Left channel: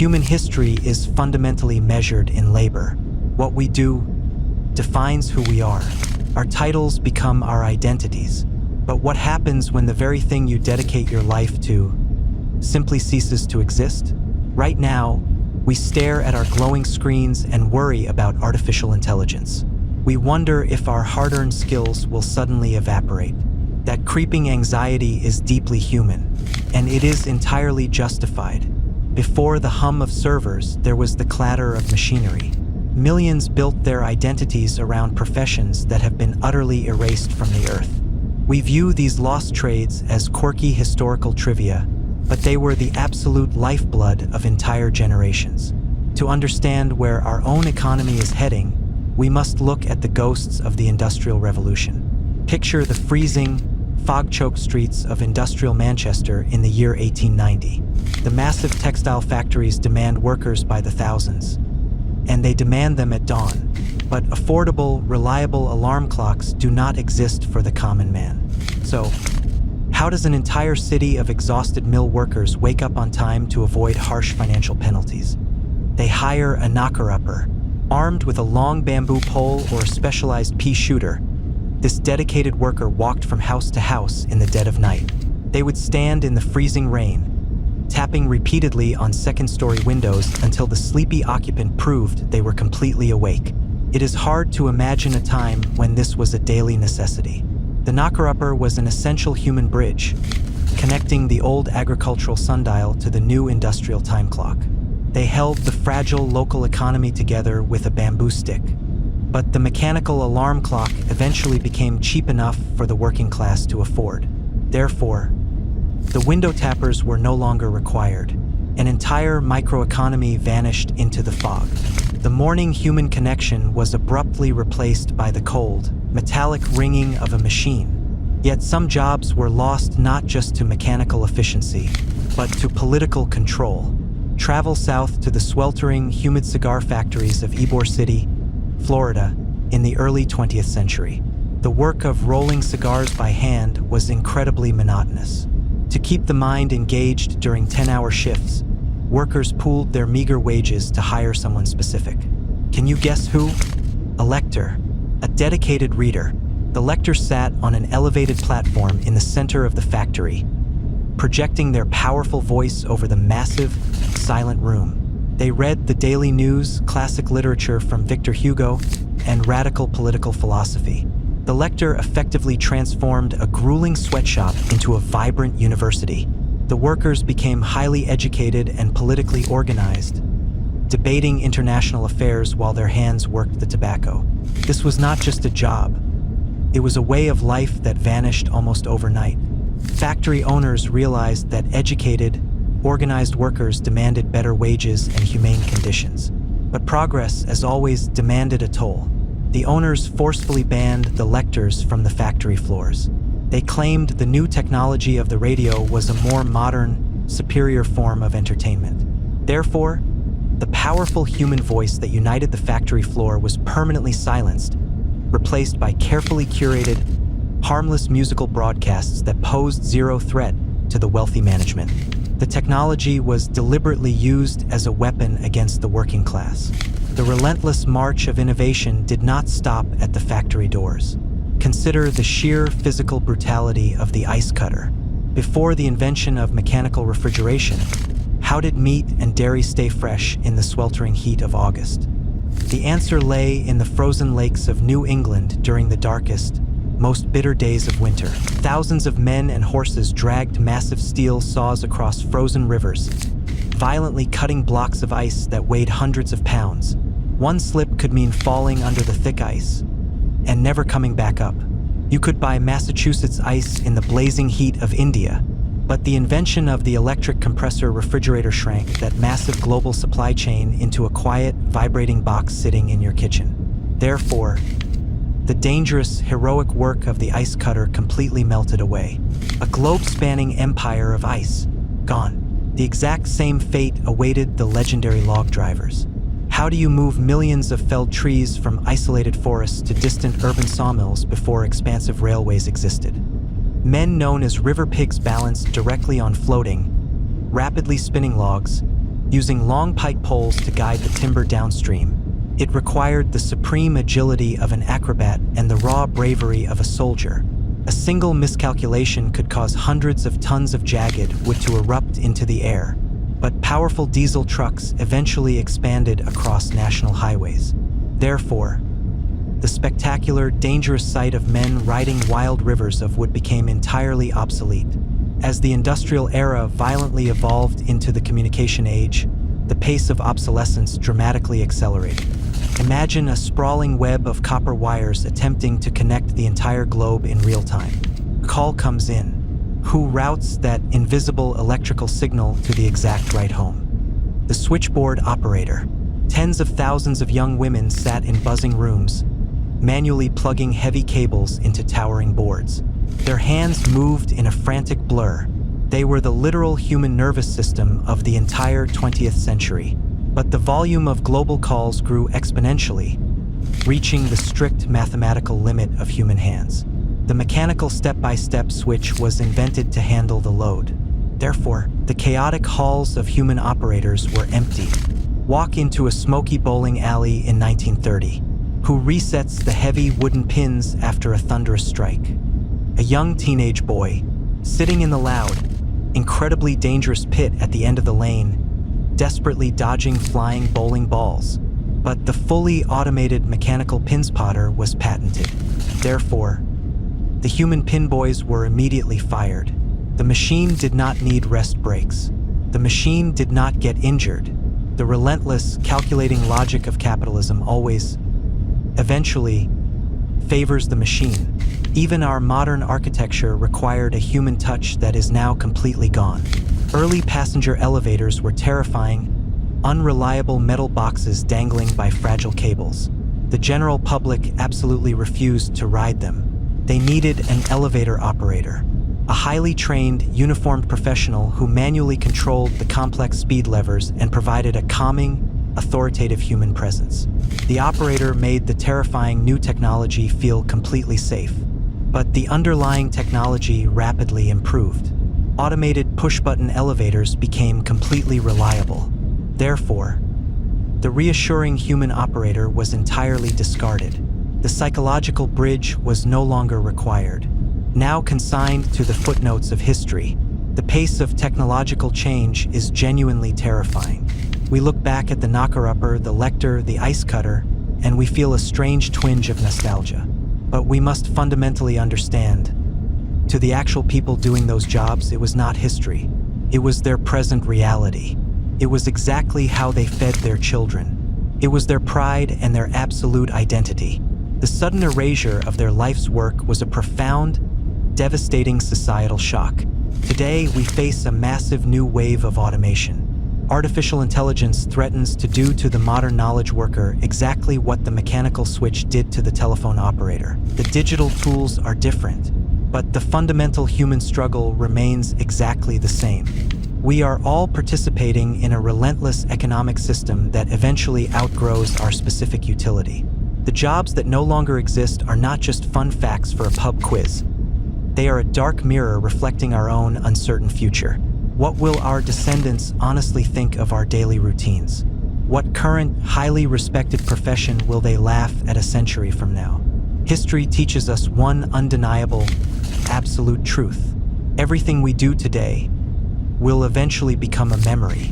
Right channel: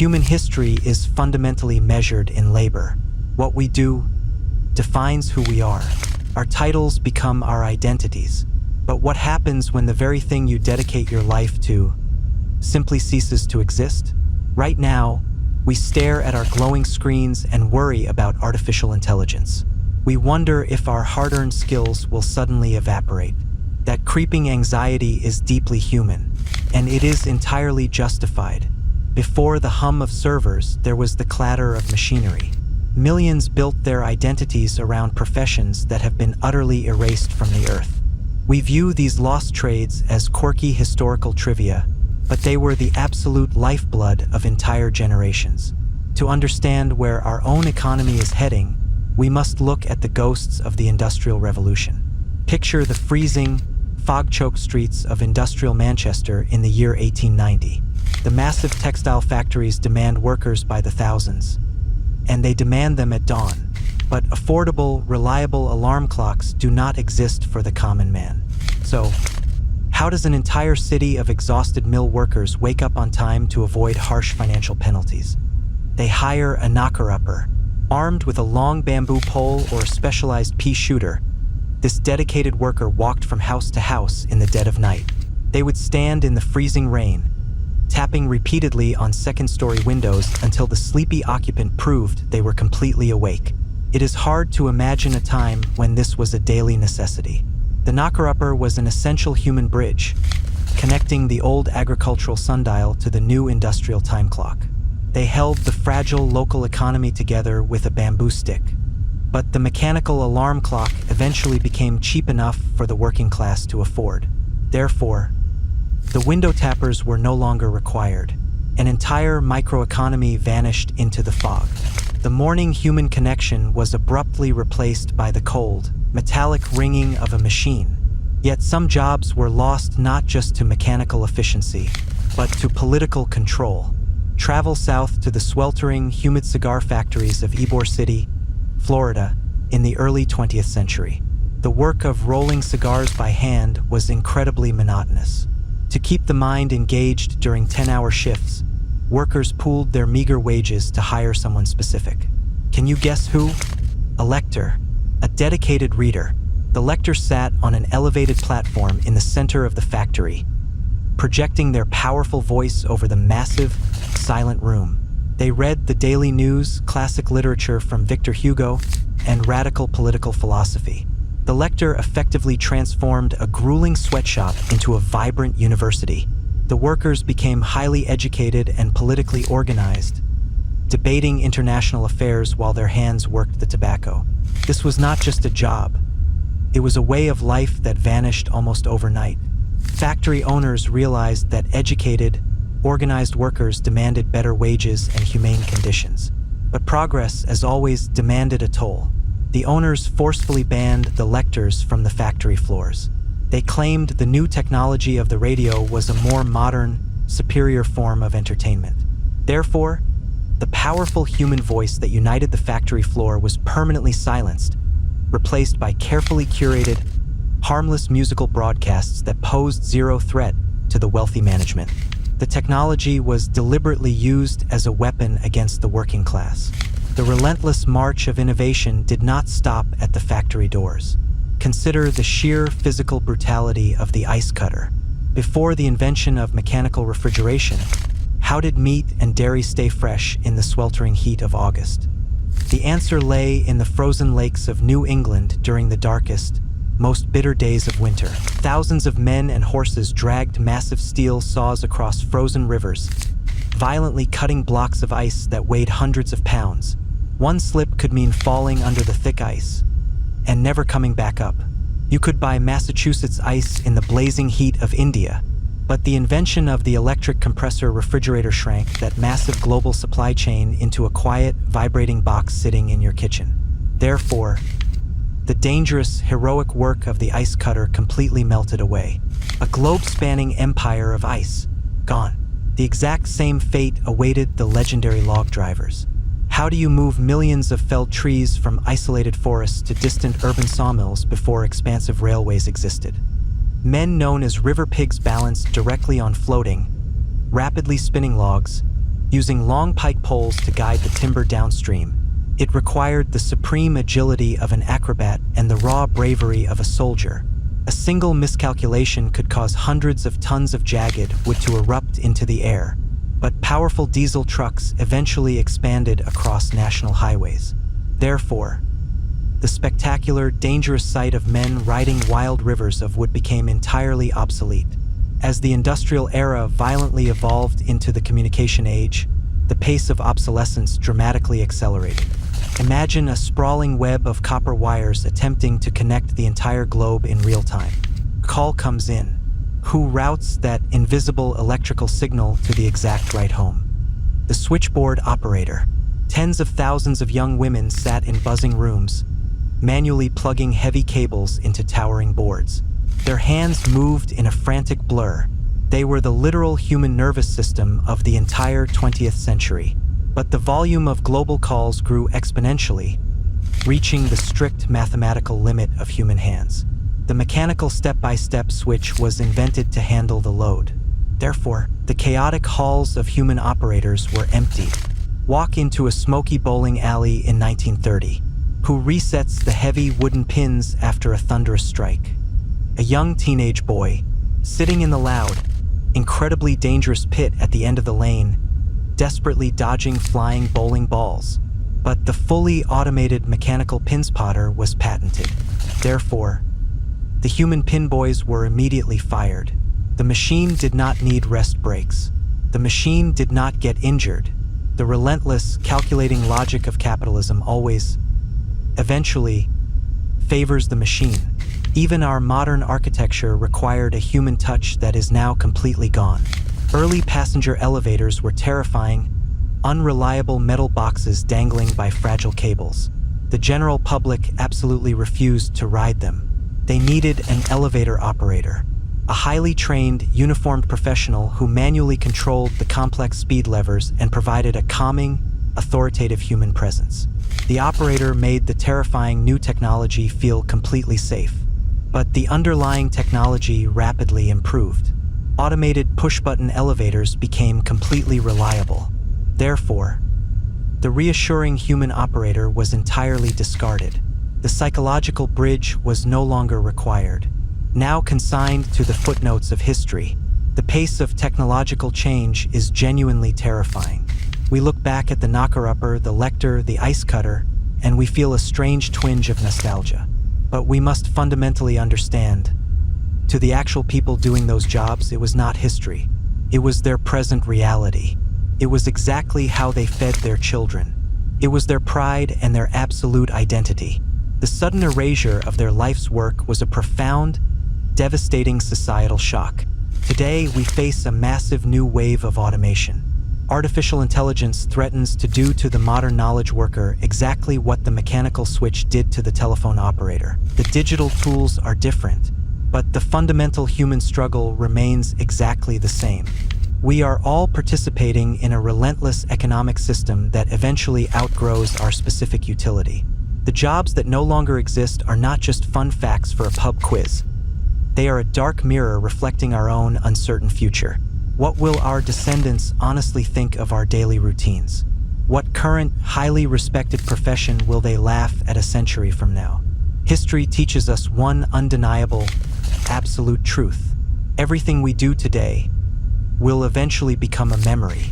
Human history is fundamentally measured in labor. What we do defines who we are. Our titles become our identities. But what happens when the very thing you dedicate your life to simply ceases to exist? Right now, we stare at our glowing screens and worry about artificial intelligence. We wonder if our hard-earned skills will suddenly evaporate. That creeping anxiety is deeply human, and it is entirely justified. Before the hum of servers, there was the clatter of machinery. Millions built their identities around professions that have been utterly erased from the earth. We view these lost trades as quirky historical trivia, but they were the absolute lifeblood of entire generations. To understand where our own economy is heading, we must look at the ghosts of the Industrial Revolution. Picture the freezing, fog-choked streets of industrial Manchester in the year 1890. The massive textile factories demand workers by the thousands, and they demand them at dawn. But affordable, reliable alarm clocks do not exist for the common man. So, how does an entire city of exhausted mill workers wake up on time to avoid harsh financial penalties? They hire a knocker-upper. Armed with a long bamboo pole or a specialized pea shooter, this dedicated worker walked from house to house in the dead of night. They would stand in the freezing rain, tapping repeatedly on second-story windows until the sleepy occupant proved they were completely awake. It is hard to imagine a time when this was a daily necessity. The knocker-upper was an essential human bridge, connecting the old agricultural sundial to the new industrial time clock. They held the fragile local economy together with a bamboo stick. But the mechanical alarm clock eventually became cheap enough for the working class to afford. Therefore, the window tappers were no longer required. An entire microeconomy vanished into the fog. The morning human connection was abruptly replaced by the cold, metallic ringing of a machine. Yet some jobs were lost not just to mechanical efficiency, but to political control. Travel south to the sweltering, humid cigar factories of Ybor City, Florida, in the early 20th century. The work of rolling cigars by hand was incredibly monotonous. To keep the mind engaged during 10-hour shifts, workers pooled their meager wages to hire someone specific. Can you guess who? A lector, a dedicated reader. The lector sat on an elevated platform in the center of the factory, projecting their powerful voice over the massive, silent room. They read the daily news, classic literature from Victor Hugo, and radical political philosophy. The lector effectively transformed a grueling sweatshop into a vibrant university. The workers became highly educated and politically organized, debating international affairs while their hands worked the tobacco. This was not just a job. It was a way of life that vanished almost overnight. Factory owners realized that educated, organized workers demanded better wages and humane conditions. But progress, as always, demanded a toll. The owners forcefully banned the lectors from the factory floors. They claimed the new technology of the radio was a more modern, superior form of entertainment. Therefore, the powerful human voice that united the factory floor was permanently silenced, replaced by carefully curated, harmless musical broadcasts that posed zero threat to the wealthy management. The technology was deliberately used as a weapon against the working class. The relentless march of innovation did not stop at the factory doors. Consider the sheer physical brutality of the ice cutter. Before the invention of mechanical refrigeration, how did meat and dairy stay fresh in the sweltering heat of August? The answer lay in the frozen lakes of New England during the darkest, most bitter days of winter. Thousands of men and horses dragged massive steel saws across frozen rivers, violently cutting blocks of ice that weighed hundreds of pounds. One slip could mean falling under the thick ice and never coming back up. You could buy Massachusetts ice in the blazing heat of India, but the invention of the electric compressor refrigerator shrank that massive global supply chain into a quiet, vibrating box sitting in your kitchen. Therefore, the dangerous, heroic work of the ice cutter completely melted away. A globe-spanning empire of ice, gone. The exact same fate awaited the legendary log drivers. How do you move millions of felled trees from isolated forests to distant urban sawmills before expansive railways existed? Men known as river pigs balanced directly on floating, rapidly spinning logs, using long pike poles to guide the timber downstream. It required the supreme agility of an acrobat and the raw bravery of a soldier. A single miscalculation could cause hundreds of tons of jagged wood to erupt into the air. But powerful diesel trucks eventually expanded across national highways. Therefore, the spectacular, dangerous sight of men riding wild rivers of wood became entirely obsolete. As the industrial era violently evolved into the communication age, the pace of obsolescence dramatically accelerated. Imagine a sprawling web of copper wires attempting to connect the entire globe in real time. A call comes in. Who routes that invisible electrical signal to the exact right home? The switchboard operator. Tens of thousands of young women sat in buzzing rooms, manually plugging heavy cables into towering boards. Their hands moved in a frantic blur. They were the literal human nervous system of the entire 20th century. But the volume of global calls grew exponentially, reaching the strict mathematical limit of human hands. The mechanical step-by-step switch was invented to handle the load. Therefore, the chaotic halls of human operators were emptied. Walk into a smoky bowling alley in 1930. Who resets the heavy wooden pins after a thunderous strike? A young teenage boy, sitting in the loud, incredibly dangerous pit at the end of the lane, desperately dodging flying bowling balls. But the fully automated mechanical pin spotter was patented. Therefore, the human pin boys were immediately fired. The machine did not need rest breaks. The machine did not get injured. The relentless, calculating logic of capitalism always, eventually, favors the machine. Even our modern architecture required a human touch that is now completely gone. Early passenger elevators were terrifying, unreliable metal boxes dangling by fragile cables. The general public absolutely refused to ride them. They needed an elevator operator, a highly trained, uniformed professional who manually controlled the complex speed levers and provided a calming, authoritative human presence. The operator made the terrifying new technology feel completely safe. But the underlying technology rapidly improved. Automated push-button elevators became completely reliable. Therefore, the reassuring human operator was entirely discarded. The psychological bridge was no longer required. Now consigned to the footnotes of history, the pace of technological change is genuinely terrifying. We look back at the knocker-upper, the lector, the ice cutter, and we feel a strange twinge of nostalgia. But we must fundamentally understand, to the actual people doing those jobs, it was not history. It was their present reality. It was exactly how they fed their children. It was their pride and their absolute identity. The sudden erasure of their life's work was a profound, devastating societal shock. Today, we face a massive new wave of automation. Artificial intelligence threatens to do to the modern knowledge worker exactly what the mechanical switch did to the telephone operator. The digital tools are different, but the fundamental human struggle remains exactly the same. We are all participating in a relentless economic system that eventually outgrows our specific utility. The jobs that no longer exist are not just fun facts for a pub quiz. They are a dark mirror reflecting our own uncertain future. What will our descendants honestly think of our daily routines? What current, highly respected profession will they laugh at a century from now? History teaches us one undeniable, absolute truth. Everything we do today will eventually become a memory.